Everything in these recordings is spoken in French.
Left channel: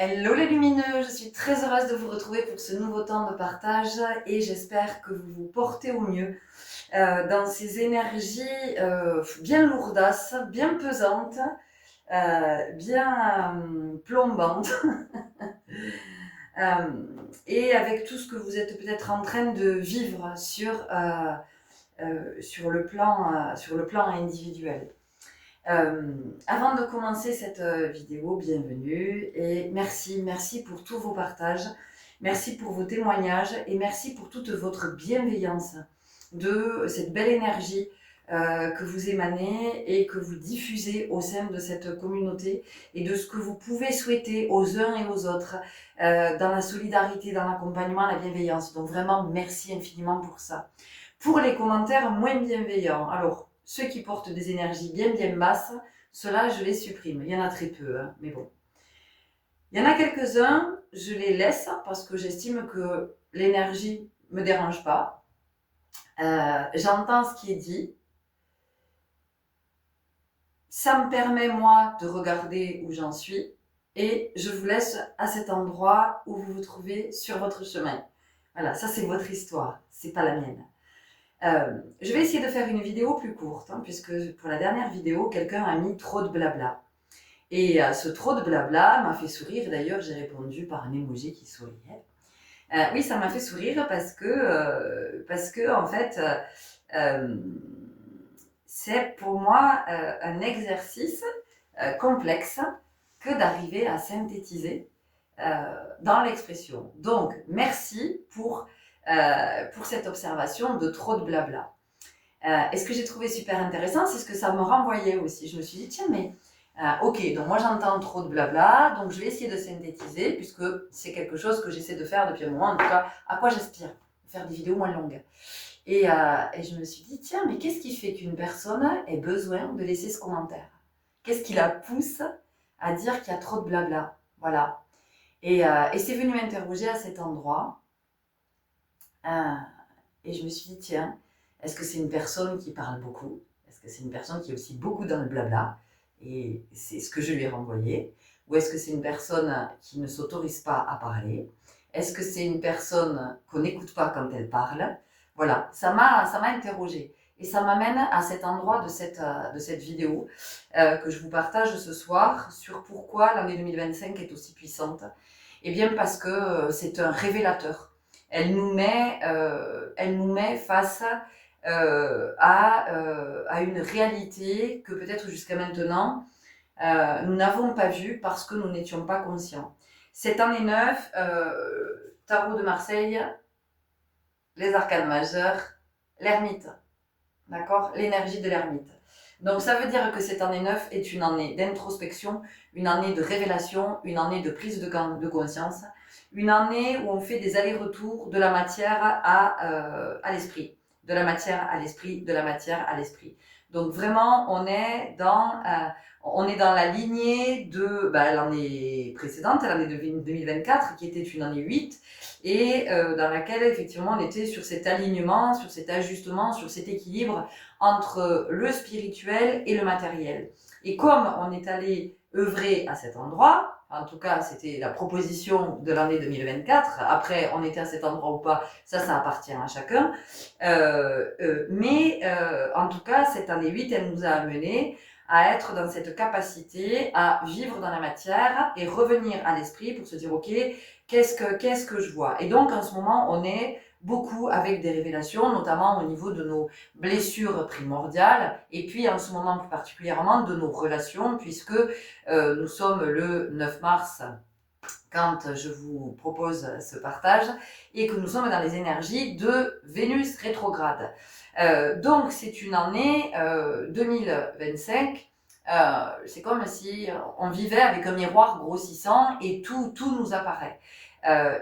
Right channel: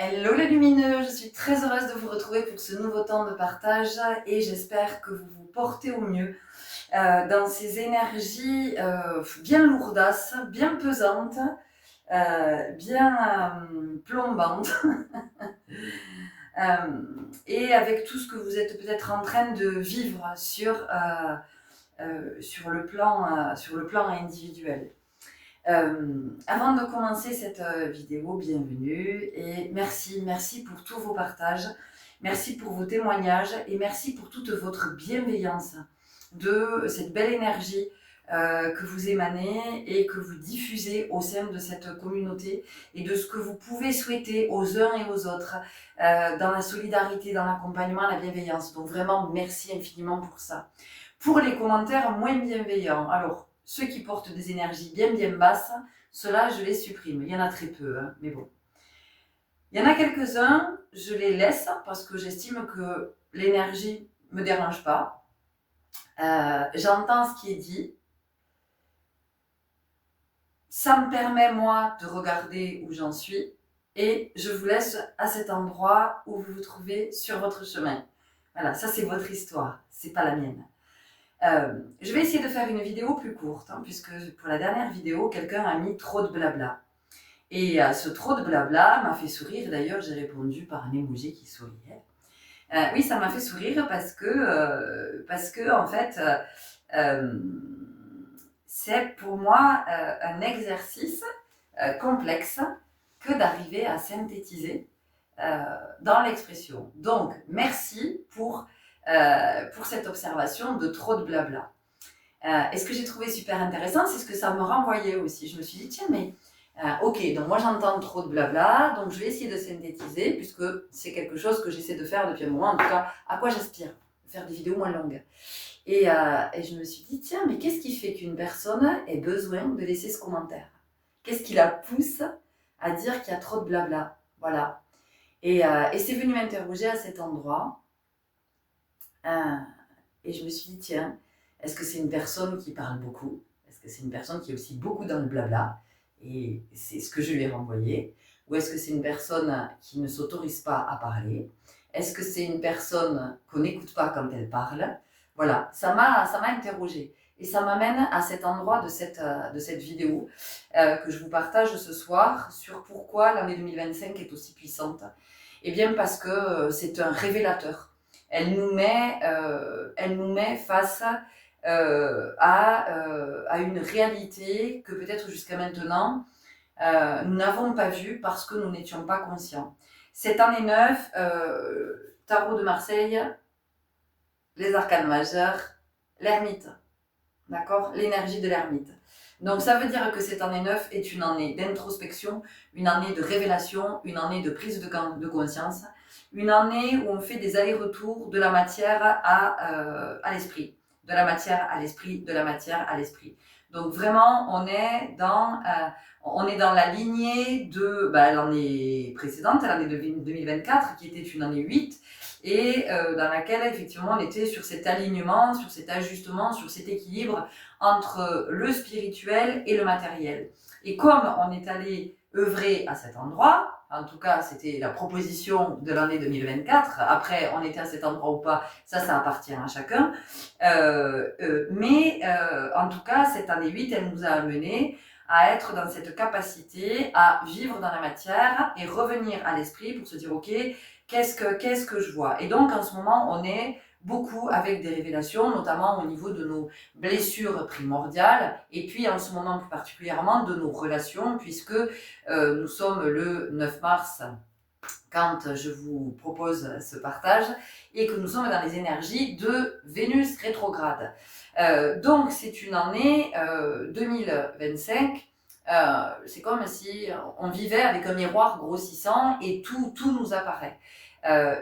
Hello les lumineux, je suis très heureuse de vous retrouver pour ce nouveau temps de partage et j'espère que vous vous portez au mieux dans ces énergies bien lourdasses, bien pesantes, bien plombantes et avec tout ce que vous êtes peut-être en train de vivre sur le plan individuel. Avant de commencer cette vidéo, bienvenue et merci pour tous vos partages, merci pour vos témoignages et merci pour toute votre bienveillance de cette belle énergie que vous émanez et que vous diffusez au sein de cette communauté et de ce que vous pouvez souhaiter aux uns et aux autres dans la solidarité, dans l'accompagnement, la bienveillance. Donc vraiment, merci infiniment pour ça. Pour les commentaires moins bienveillants, alors ceux qui portent des énergies bien basses, ceux-là je les supprime. Il y en a très peu, hein, mais bon. Il y en a quelques-uns, je les laisse parce que j'estime que l'énergie ne me dérange pas. J'entends ce qui est dit. Ça me permet, moi, de regarder où j'en suis. Et je vous laisse à cet endroit où vous vous trouvez sur votre chemin. Voilà, ça c'est votre histoire, c'est pas la mienne. Je vais essayer de faire une vidéo plus courte, hein, puisque pour la dernière vidéo, quelqu'un a mis trop de blabla. Et ce trop de blabla m'a fait sourire, d'ailleurs j'ai répondu par un emoji qui souriait. Oui, ça m'a fait sourire parce que en fait, c'est pour moi un exercice complexe que d'arriver à synthétiser dans l'expression. Donc, merci pour cette observation de trop de blabla. Et ce que j'ai trouvé super intéressant, c'est ce que ça me renvoyait aussi. Je me suis dit, tiens, mais ok, donc moi j'entends trop de blabla, donc je vais essayer de synthétiser, puisque c'est quelque chose que j'essaie de faire depuis un moment, en tout cas, à quoi j'aspire, faire des vidéos moins longues. Et je me suis dit, tiens, mais qu'est-ce qui fait qu'une personne ait besoin de laisser ce commentaire? Qu'est-ce qui la pousse à dire qu'il y a trop de blabla? Voilà. Et c'est venu m'interroger à cet endroit. Et je me suis dit, tiens, est-ce que c'est une personne qui parle beaucoup? Est-ce que c'est une personne qui est aussi beaucoup dans le blabla? Et c'est ce que je lui ai renvoyé. Ou est-ce que c'est une personne qui ne s'autorise pas à parler? Est-ce que c'est une personne qu'on n'écoute pas quand elle parle? Voilà, ça m'a interrogée. Et ça m'amène à cet endroit de cette vidéo que je vous partage ce soir sur pourquoi l'année 2025 est aussi puissante. Eh bien parce que c'est un révélateur. Elle nous met face à une réalité que peut-être jusqu'à maintenant, nous n'avons pas vue parce que nous n'étions pas conscients. Cette année 9, Tarot de Marseille, les arcanes majeurs, l'ermite, d'accord? L'énergie de l'ermite. Donc ça veut dire que cette année 9 est une année d'introspection, une année de révélation, une année de prise de conscience, une année où on fait des allers-retours de la matière à l'esprit, de la matière à l'esprit, de la matière à l'esprit. Donc vraiment, on est dans la lignée de l'année précédente, l'année 2024, qui était une année 8, et dans laquelle effectivement on était sur cet alignement, sur cet ajustement, sur cet équilibre entre le spirituel et le matériel. Et comme on est allé œuvrer à cet endroit, en tout cas c'était la proposition de l'année 2024, après on était à cet endroit ou pas, ça appartient à chacun, mais en tout cas cette année 8, elle nous a amené à être dans cette capacité à vivre dans la matière et revenir à l'esprit pour se dire ok, qu'est-ce que je vois? Et donc en ce moment on est beaucoup avec des révélations, notamment au niveau de nos blessures primordiales, et puis en ce moment plus particulièrement de nos relations, puisque nous sommes le 9 mars quand je vous propose ce partage, et que nous sommes dans les énergies de Vénus rétrograde. Donc c'est une année 2025, c'est comme si on vivait avec un miroir grossissant et tout nous apparaît.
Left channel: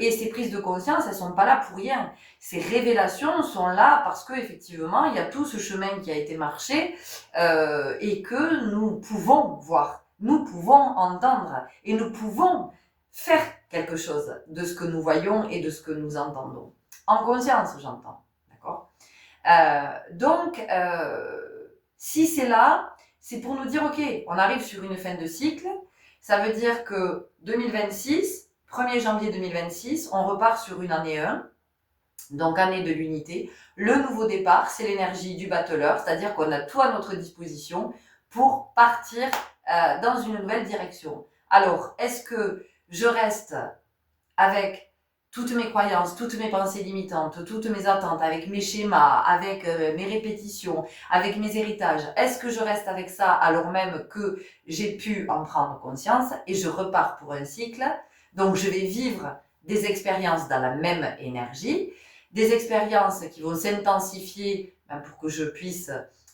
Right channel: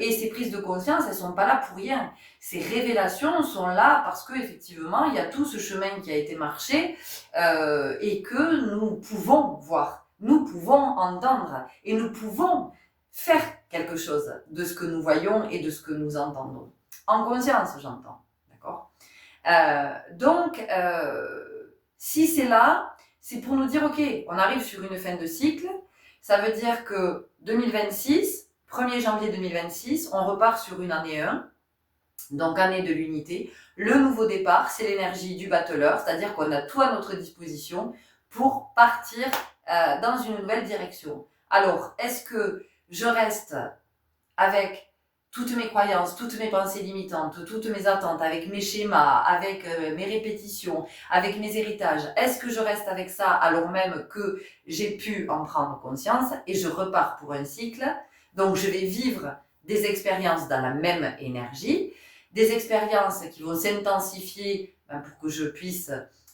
Et ces prises de conscience, elles sont pas là pour rien. Ces révélations sont là parce que effectivement, il y a tout ce chemin qui a été marché et que nous pouvons voir, nous pouvons entendre et nous pouvons faire quelque chose de ce que nous voyons et de ce que nous entendons. En conscience, j'entends, d'accord? Donc, si c'est là, c'est pour nous dire, ok, on arrive sur une fin de cycle, Ça veut dire que 2026, 1er janvier 2026, on repart sur une année 1, donc année de l'unité. Le nouveau départ, c'est l'énergie du battleur, c'est-à-dire qu'on a tout à notre disposition pour partir dans une nouvelle direction. Alors, est-ce que je reste avec toutes mes croyances, toutes mes pensées limitantes, toutes mes attentes, avec mes schémas, avec mes répétitions, avec mes héritages? Est-ce que je reste avec ça alors même que j'ai pu en prendre conscience et je repars pour un cycle? Donc, je vais vivre des expériences dans la même énergie, des expériences qui vont s'intensifier pour que je puisse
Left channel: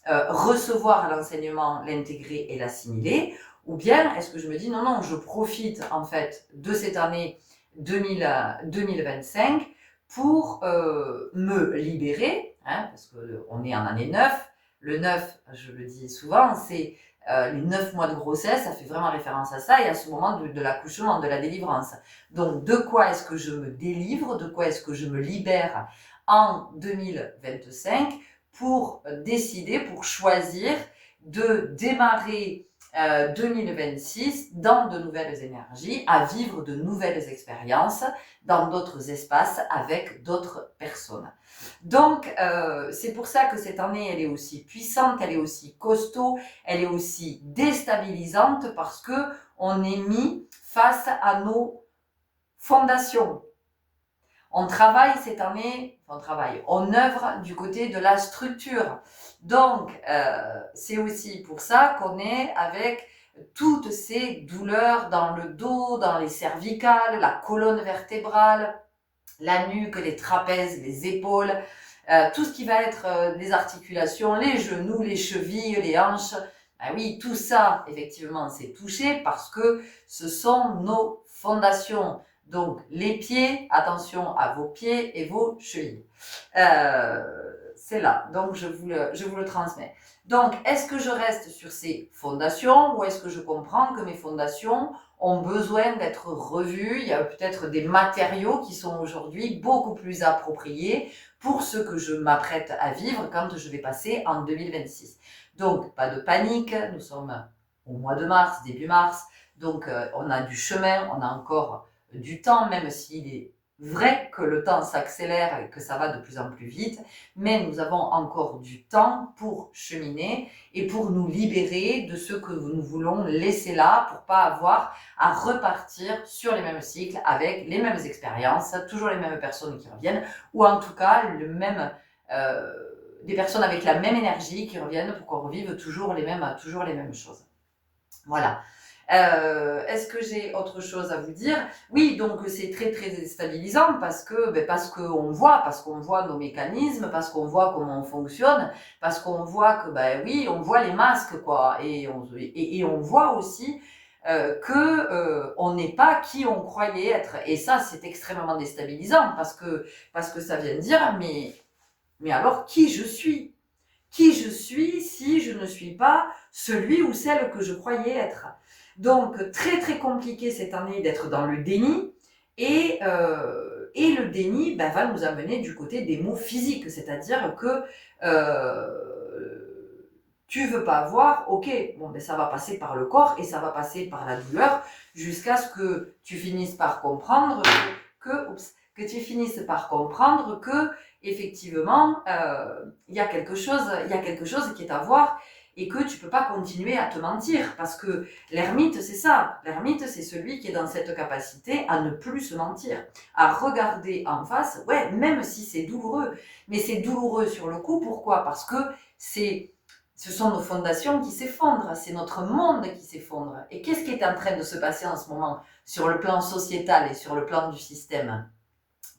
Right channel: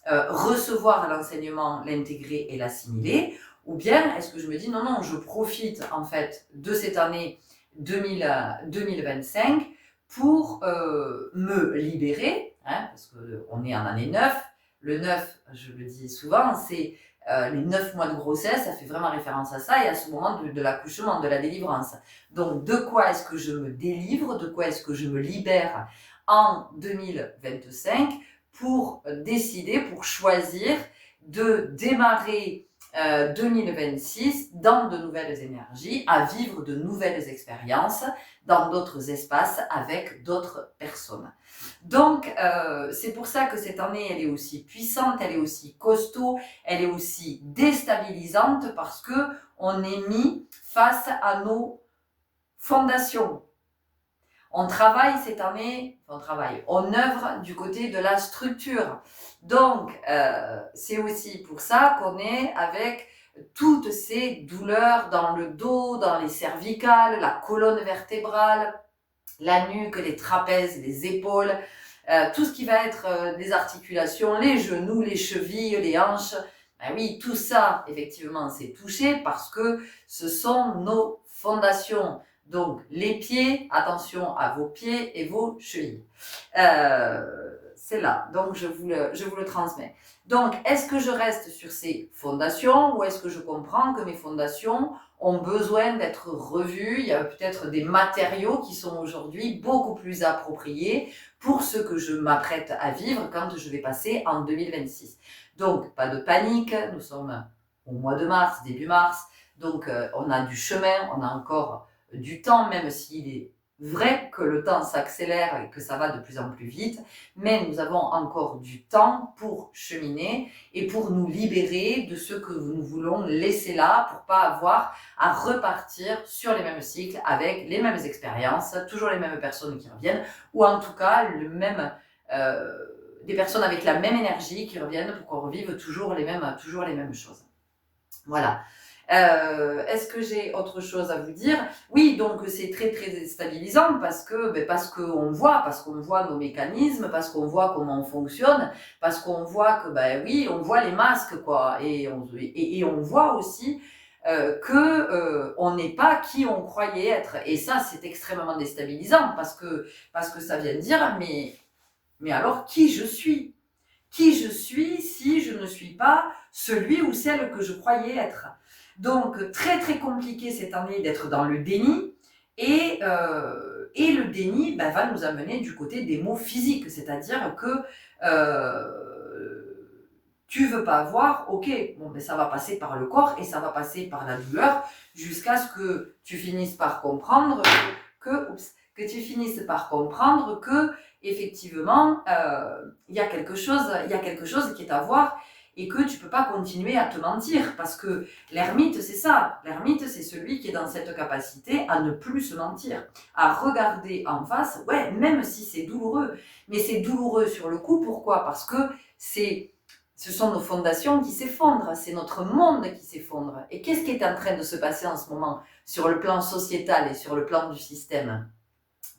recevoir l'enseignement, l'intégrer et l'assimiler. Ou bien, est-ce que je me dis, non, je profite en fait de cette année 2025 pour me libérer, parce qu'on est en année 9. Le 9, je le dis souvent, c'est les 9 mois de grossesse, ça fait vraiment référence à ça et à ce moment de l'accouchement, de la délivrance. Donc, de quoi est-ce que je me délivre, de quoi est-ce que je me libère en 2025 pour décider, pour choisir de démarrer 2026 dans de nouvelles énergies, à vivre de nouvelles expériences dans d'autres espaces avec d'autres personnes. Donc, c'est pour ça que cette année, elle est aussi puissante, elle est aussi costaud, elle est aussi déstabilisante parce que on est mis face à nos fondations. On travaille cette année, on œuvre du côté de la structure. Donc, c'est aussi pour ça qu'on est avec toutes ces douleurs dans le dos, dans les cervicales, la colonne vertébrale, la nuque, les trapèzes, les épaules, tout ce qui va être les articulations, les genoux, les chevilles, les hanches. Ben oui, tout ça, effectivement, c'est touché parce que ce sont nos fondations. Donc, les pieds, attention à vos pieds et vos chevilles. C'est là, donc je vous le transmets. Donc, est-ce que je reste sur ces fondations ou est-ce que je comprends que mes fondations ont besoin d'être revues? Il y a peut-être des matériaux qui sont aujourd'hui beaucoup plus appropriés pour ce que je m'apprête à vivre quand je vais passer en 2026. Donc, pas de panique, nous sommes au mois de mars, début mars, donc on a du chemin, on a encore du temps, même s'il est vrai que le temps s'accélère et que ça va de plus en plus vite, mais nous avons encore du temps pour cheminer et pour nous libérer de ce que nous voulons laisser là pour pas avoir à repartir sur les mêmes cycles avec les mêmes expériences, toujours les mêmes personnes qui reviennent, ou en tout cas des personnes avec la même énergie qui reviennent pour qu'on revive toujours les mêmes choses. Voilà. Est-ce que j'ai autre chose à vous dire? Oui, donc c'est très très déstabilisant parce qu'on voit nos mécanismes, parce qu'on voit comment on fonctionne, parce qu'on voit que oui, on voit les masques quoi, et on voit aussi on n'est pas qui on croyait être. Et ça, c'est extrêmement déstabilisant parce que ça vient de dire mais alors qui je suis? Qui je suis si je ne suis pas celui ou celle que je croyais être? Donc, très très compliqué cette année d'être dans le déni et le déni va nous amener du côté des maux physiques, c'est-à-dire que tu veux pas voir, ok, ça va passer par le corps et ça va passer par la douleur jusqu'à ce que tu finisses par comprendre que tu finisses par comprendre que effectivement il y a quelque chose qui est à voir et que tu peux pas continuer à te mentir parce que l'ermite c'est ça, l'ermite c'est celui qui est dans cette capacité à ne plus se mentir, à regarder en face, ouais, même si c'est douloureux, mais c'est douloureux sur le coup, pourquoi? Parce que ce sont nos fondations qui s'effondrent, c'est notre monde qui s'effondre. Et qu'est-ce qui est en train de se passer en ce moment sur le plan sociétal et sur le plan du système?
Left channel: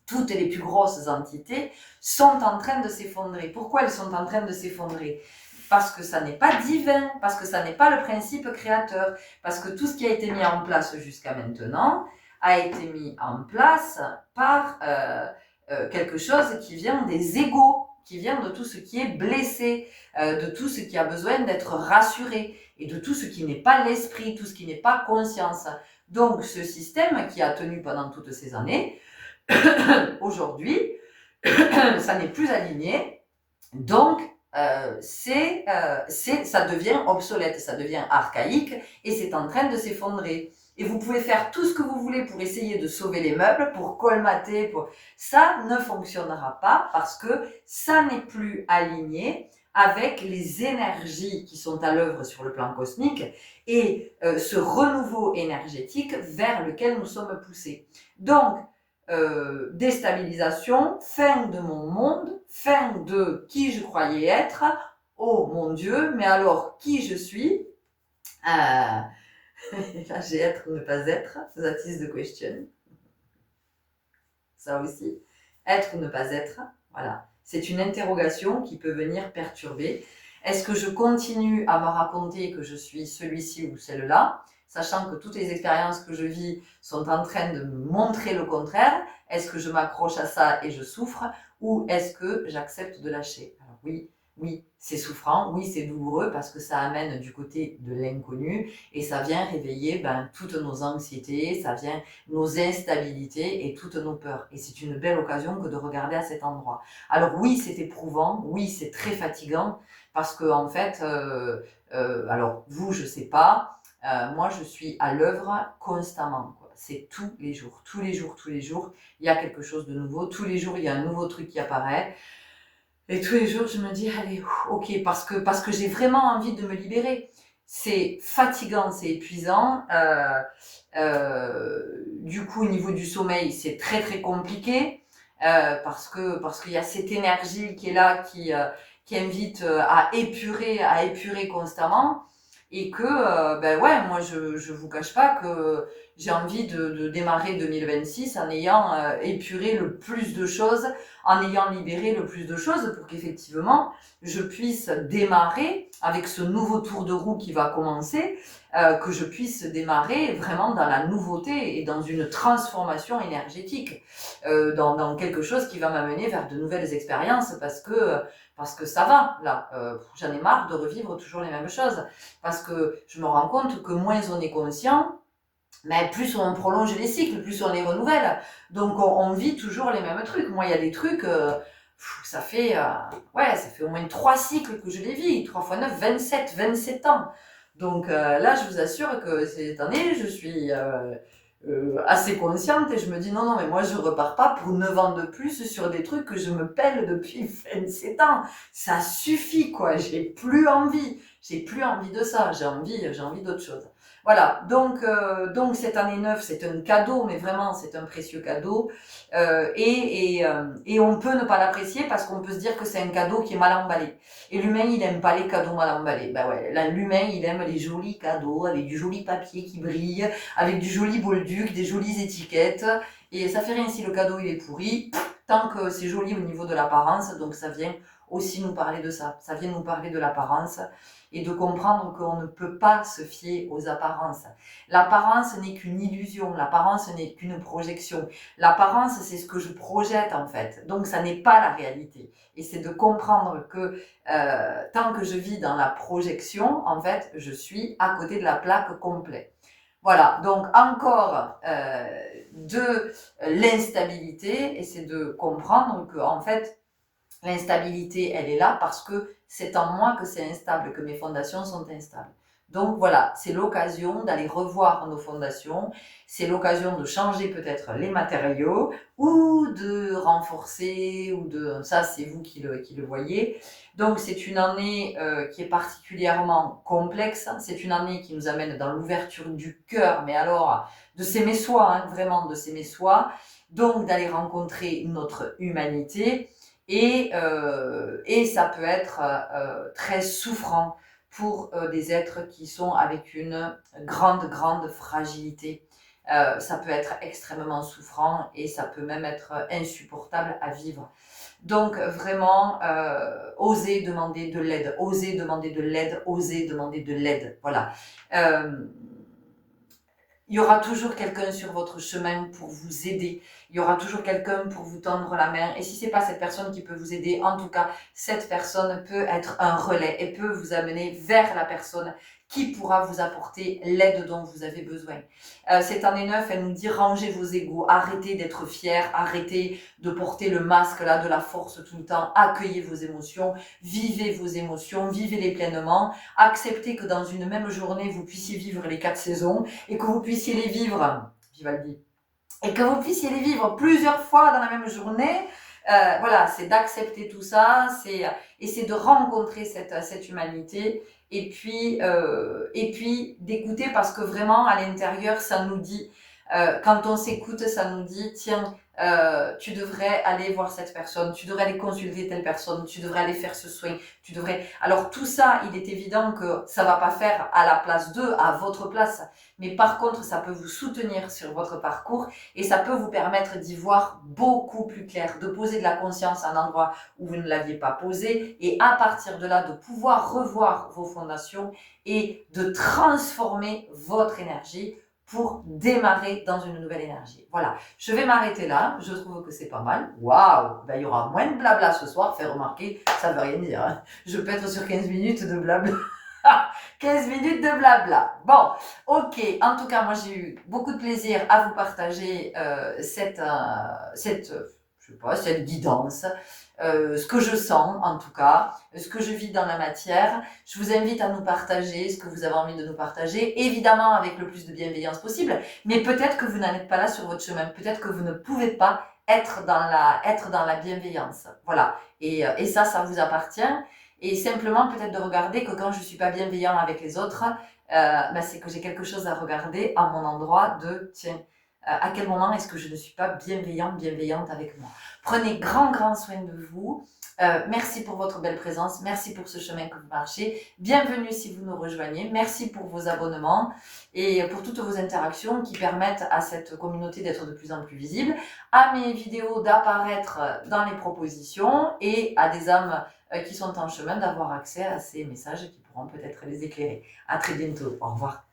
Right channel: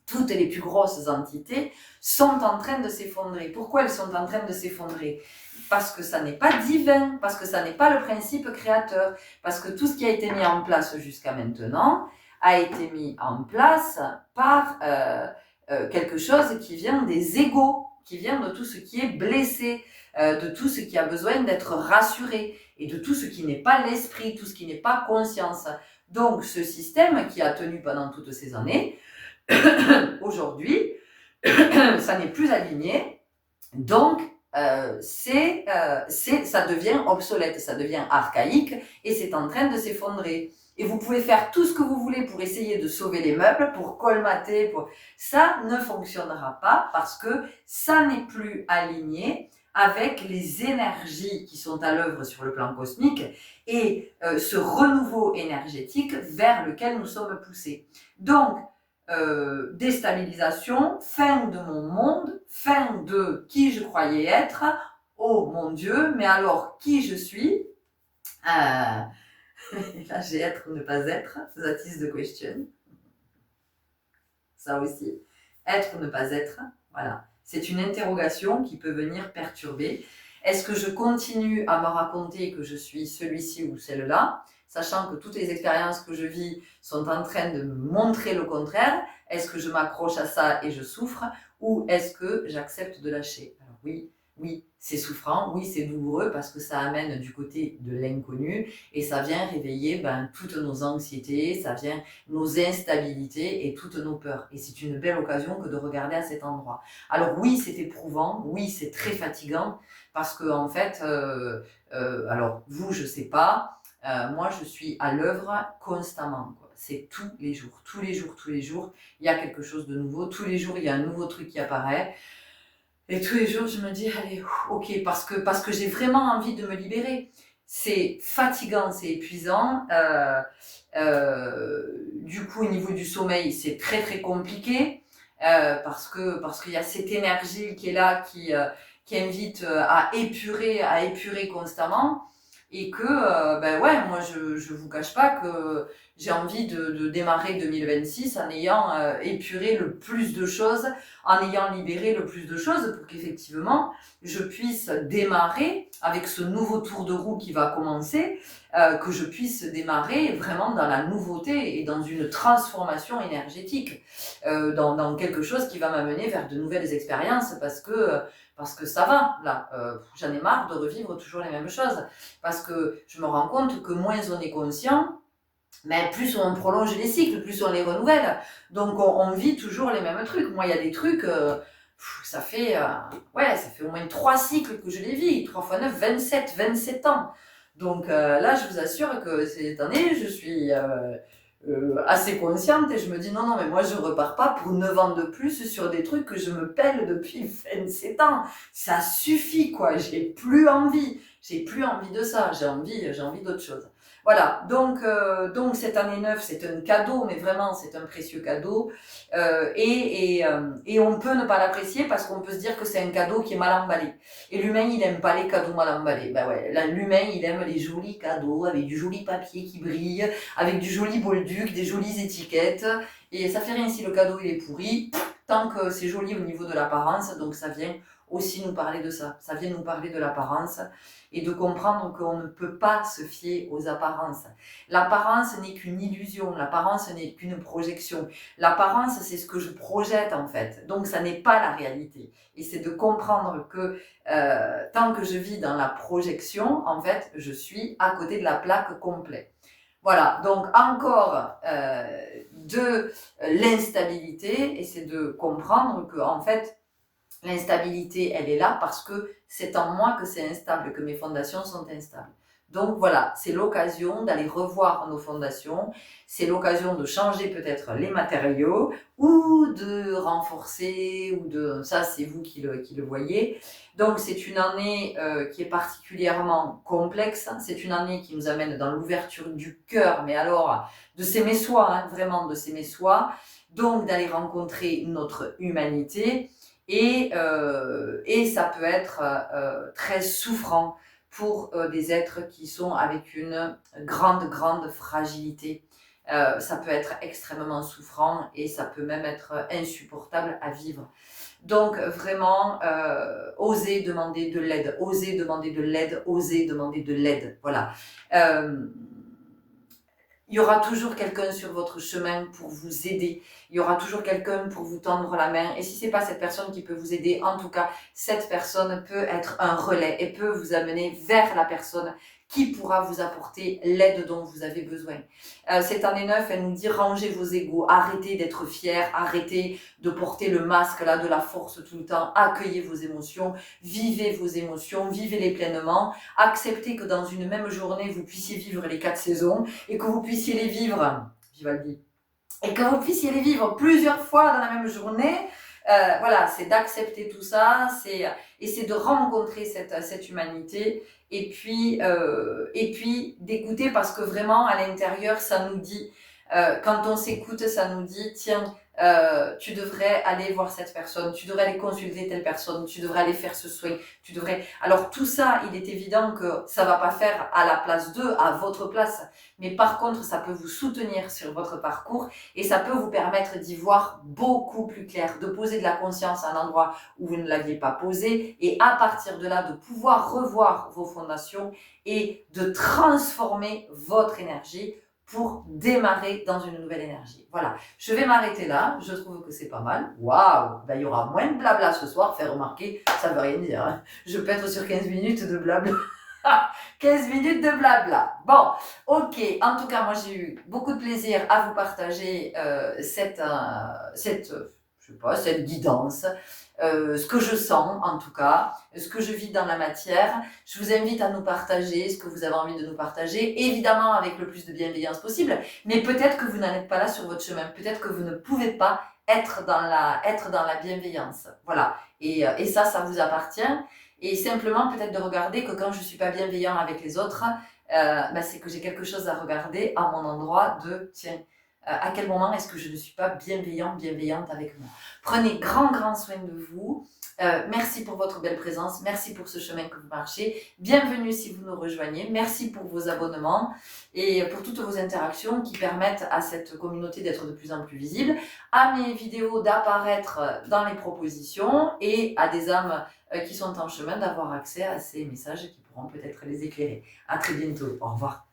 Toutes les plus grosses entités sont en train de s'effondrer. Pourquoi elles sont en train de s'effondrer? Parce que ça n'est pas divin, parce que ça n'est pas le principe créateur, parce que tout ce qui a été mis en place jusqu'à maintenant a été mis en place par quelque chose qui vient des égos, qui vient de tout ce qui est blessé, de tout ce qui a besoin d'être rassuré, et de tout ce qui n'est pas l'esprit, tout ce qui n'est pas conscience. Donc ce système qui a tenu pendant toutes ces années, aujourd'hui, ça n'est plus aligné, donc ça devient obsolète, ça devient archaïque et c'est en train de s'effondrer. Et vous pouvez faire tout ce que vous voulez pour essayer de sauver les meubles, pour colmater, ça ne fonctionnera pas parce que ça n'est plus aligné avec les énergies qui sont à l'œuvre sur le plan cosmique et ce renouveau énergétique vers lequel nous sommes poussés. Donc, déstabilisation, fin de mon monde, fin de qui je croyais être, oh mon Dieu, mais alors qui je suis Et là j'ai être ou ne pas être, that is the question. Ça aussi, être ou ne pas être, voilà. C'est une interrogation qui peut venir perturber. Est-ce que je continue à me raconter que je suis celui-ci ou celle-là, sachant que toutes les expériences que je vis sont en train de me montrer le contraire? Est-ce que je m'accroche à ça et je souffre? Ou est-ce que j'accepte de lâcher? Alors oui, c'est souffrant, oui, c'est douloureux parce que ça amène du côté de l'inconnu et ça vient réveiller toutes nos anxiétés, ça vient nos instabilités et toutes nos peurs. Et c'est une belle occasion que de regarder à cet endroit. Alors oui, c'est éprouvant, oui, c'est très fatigant parce que en fait, alors vous, je sais pas, moi je suis à l'œuvre constamment. C'est tous les jours, tous les jours, tous les jours, il y a quelque chose de nouveau. Tous les jours, il y a un nouveau truc qui apparaît. Et tous les jours, je me dis, allez, ok, parce que j'ai vraiment envie de me libérer. C'est fatigant, c'est épuisant. Du coup, au niveau du sommeil, c'est très très compliqué parce qu'il y a cette énergie qui est là, qui invite à épurer constamment. Et que, ouais, moi, je vous cache pas que j'ai envie de démarrer 2026 en ayant épuré le plus de choses, en ayant libéré le plus de choses pour qu'effectivement, je puisse démarrer avec ce nouveau tour de roue qui va commencer, que je puisse démarrer vraiment dans la nouveauté et dans une transformation énergétique, dans quelque chose qui va m'amener vers de nouvelles expériences parce que ça va, là. J'en ai marre de revivre toujours les mêmes choses. Parce que je me rends compte que moins on est conscient, mais plus on prolonge les cycles, plus on les renouvelle. Donc on vit toujours les mêmes trucs. Moi, il y a des trucs, ça fait au moins 3 cycles que je les vis. 3 fois 9, 27 ans. Donc là, je vous assure que cette année, je suis assez consciente et je me dis non, mais moi je repars pas pour 9 ans de plus sur des trucs que je me pèle depuis 27 ans. Ça suffit quoi, j'ai plus envie de ça, j'ai envie d'autre chose. Voilà, donc cette année 9, c'est un cadeau, mais vraiment c'est un précieux cadeau. Et on peut ne pas l'apprécier parce qu'on peut se dire que c'est un cadeau qui est mal emballé. Et l'humain, il aime pas les cadeaux mal emballés. Ben ouais, là, l'humain, il aime les jolis cadeaux avec du joli papier qui brille, avec du joli bolduc, des jolies étiquettes. Et ça fait rien si le cadeau il est pourri, tant que c'est joli au niveau de l'apparence. Donc ça vient aussi nous parler de ça. Ça vient nous parler de l'apparence et de comprendre qu'on ne peut pas se fier aux apparences. L'apparence n'est qu'une illusion, l'apparence n'est qu'une projection. L'apparence, c'est ce que je projette en fait. Donc ça n'est pas la réalité. Et c'est de comprendre que tant que je vis dans la projection, en fait, je suis à côté de la plaque complète. Voilà, donc encore de l'instabilité, et c'est de comprendre que en fait, l'instabilité, elle est là parce que c'est en moi que c'est instable, que mes fondations sont instables. Donc voilà, c'est l'occasion d'aller revoir nos fondations, c'est l'occasion de changer peut-être les matériaux ou de renforcer, ça c'est vous qui le voyez. Donc c'est une année qui est particulièrement complexe, c'est une année qui nous amène dans l'ouverture du cœur, mais alors de s'aimer soi, vraiment de s'aimer soi, donc d'aller rencontrer notre humanité. Et ça peut être très souffrant pour des êtres qui sont avec une grande fragilité. Ça peut être extrêmement souffrant et ça peut même être insupportable à vivre. Donc vraiment, osez demander de l'aide, osez demander de l'aide, osez demander de l'aide. Voilà. Il y aura toujours quelqu'un sur votre chemin pour vous aider. Il y aura toujours quelqu'un pour vous tendre la main. Et si c'est pas cette personne qui peut vous aider, en tout cas, cette personne peut être un relais et peut vous amener vers la personne qui pourra vous apporter l'aide dont vous avez besoin. Cette année 9, elle nous dit rangez vos égos, arrêtez d'être fiers, arrêtez de porter le masque là de la force tout le temps, accueillez vos émotions, vivez-les pleinement, acceptez que dans une même journée, vous puissiez vivre les 4 saisons et que vous puissiez les vivre, Vivaldi, et que vous puissiez les vivre plusieurs fois dans la même journée. Voilà, c'est d'accepter tout ça, c'est de rencontrer cette humanité et puis d'écouter parce que vraiment à l'intérieur ça nous dit, quand on s'écoute ça nous dit tiens, tu devrais aller voir cette personne, tu devrais aller consulter telle personne, tu devrais aller faire ce soin, tu devrais... Alors tout ça, il est évident que ça va pas faire à la place d'eux, à votre place, mais par contre ça peut vous soutenir sur votre parcours et ça peut vous permettre d'y voir beaucoup plus clair, de poser de la conscience à un endroit où vous ne l'aviez pas posé et à partir de là de pouvoir revoir vos fondations et de transformer votre énergie pour démarrer dans une nouvelle énergie. Voilà, je vais m'arrêter là, je trouve que c'est pas mal. Waouh, ben, il y aura moins de blabla ce soir, fait remarquer, ça veut rien dire. Hein. Je peux être sur 15 minutes de blabla. 15 minutes de blabla. Bon, ok, en tout cas, moi j'ai eu beaucoup de plaisir à vous partager cette guidance. Ce que je sens en tout cas, ce que je vis dans la matière. Je vous invite à nous partager ce que vous avez envie de nous partager, évidemment avec le plus de bienveillance possible, mais peut-être que vous n'en êtes pas là sur votre chemin, peut-être que vous ne pouvez pas être dans la bienveillance. Voilà, et ça vous appartient. Et simplement peut-être de regarder que quand je ne suis pas bienveillant avec les autres, c'est que j'ai quelque chose à regarder à mon endroit de tiens, à quel moment est-ce que je ne suis pas bienveillante avec moi. Prenez grand soin de vous. Merci pour votre belle présence. Merci pour ce chemin que vous marchez. Bienvenue si vous nous rejoignez. Merci pour vos abonnements et pour toutes vos interactions qui permettent à cette communauté d'être de plus en plus visible, à mes vidéos d'apparaître dans les propositions et à des âmes qui sont en chemin d'avoir accès à ces messages qui pourront peut-être les éclairer. À très bientôt. Au revoir.